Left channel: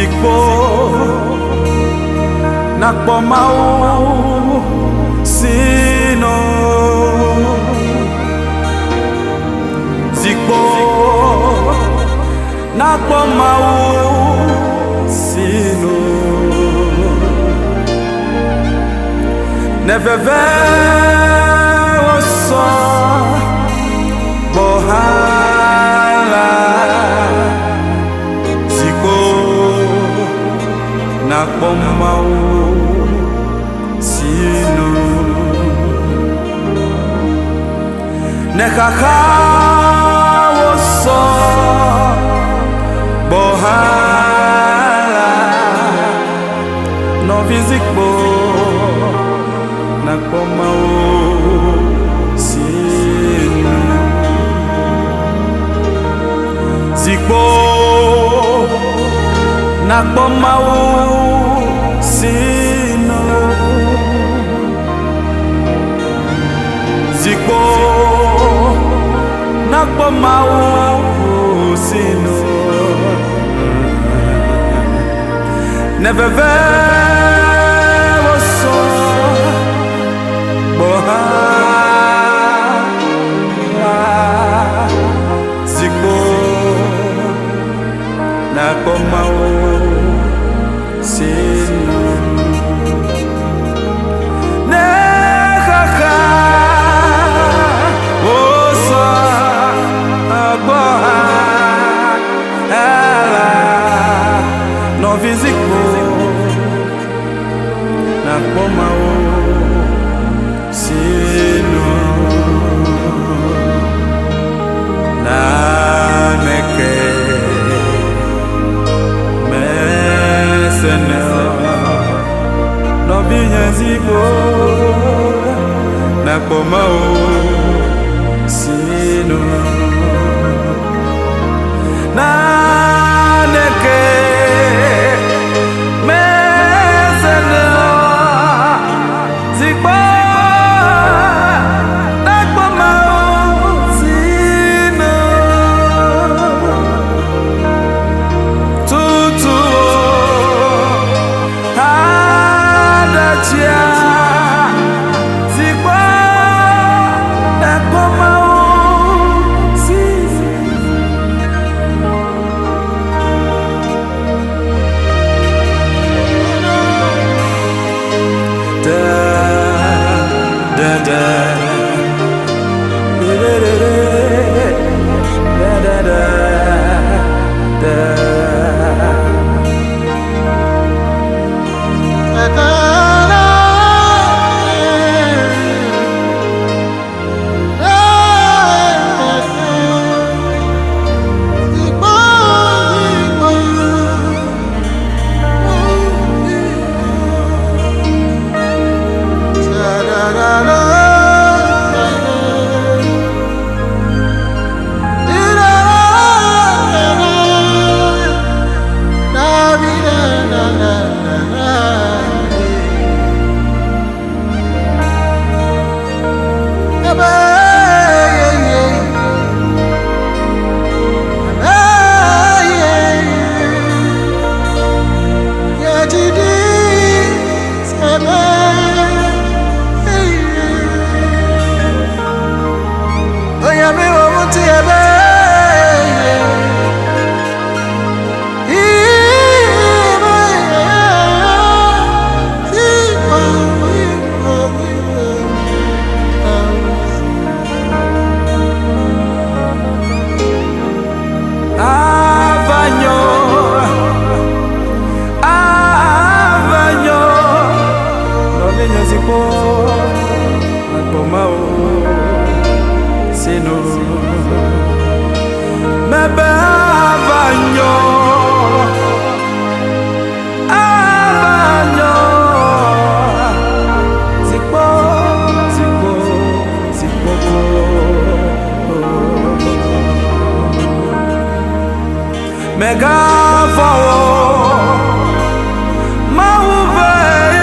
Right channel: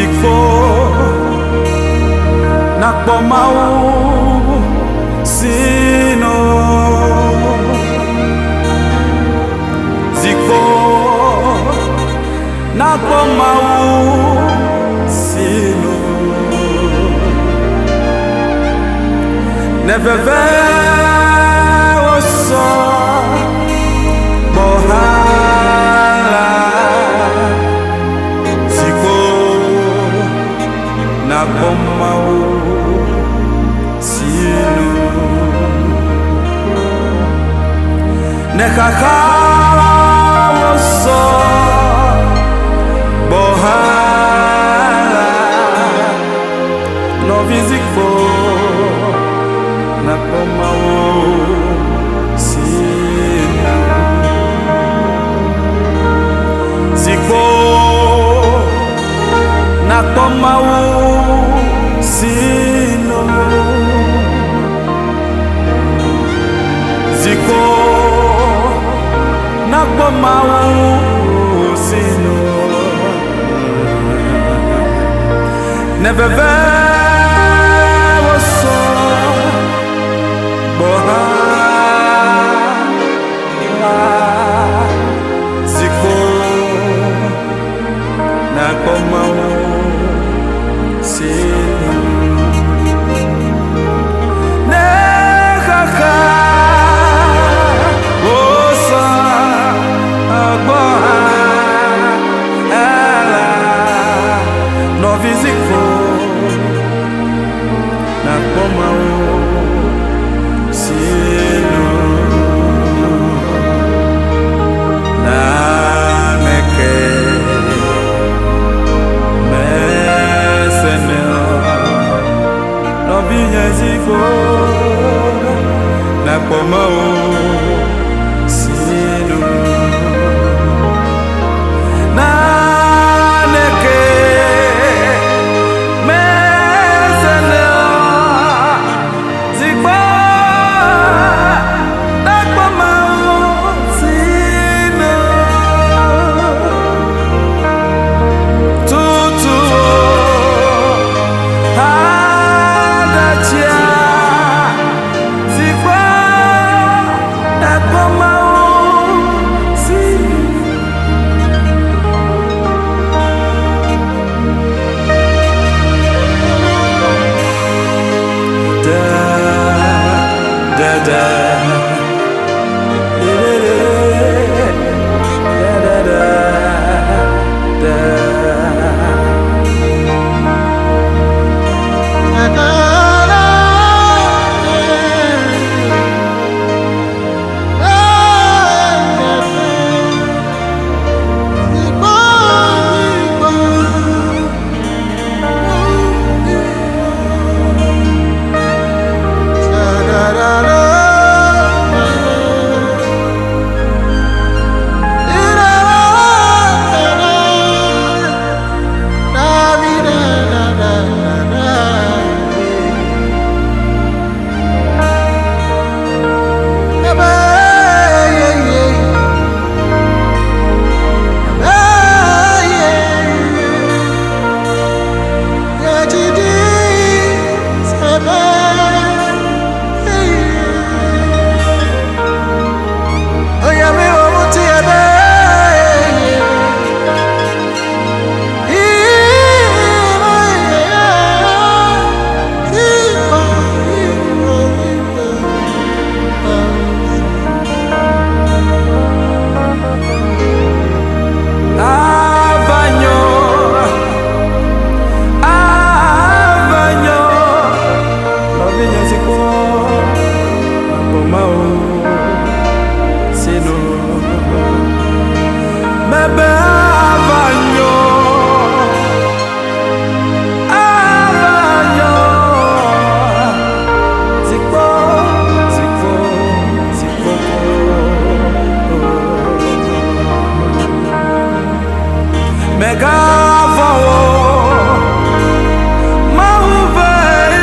zikpo nakpo mau sino zikpo nakpo mau sino neveve oso bohala zikpo nakpo mau sino nekaka oso bohala no zikpo nakpo mau sino zikpo nakpo mau sino zikpo nakpo mau sino neveve oso bohala zikpo nakpo mau sino nekaka oso bohala no zikpo nakpo mau sino na meke meseneo no zikpo nakpo mau sino na neke meseneo zikpo nakpo mau sino tutu adachia zikpo nakpo mau sino da da da da da da da Avanyo no zikpo nakpo mau sino mebe avanyo zikpo mega vawo mau vai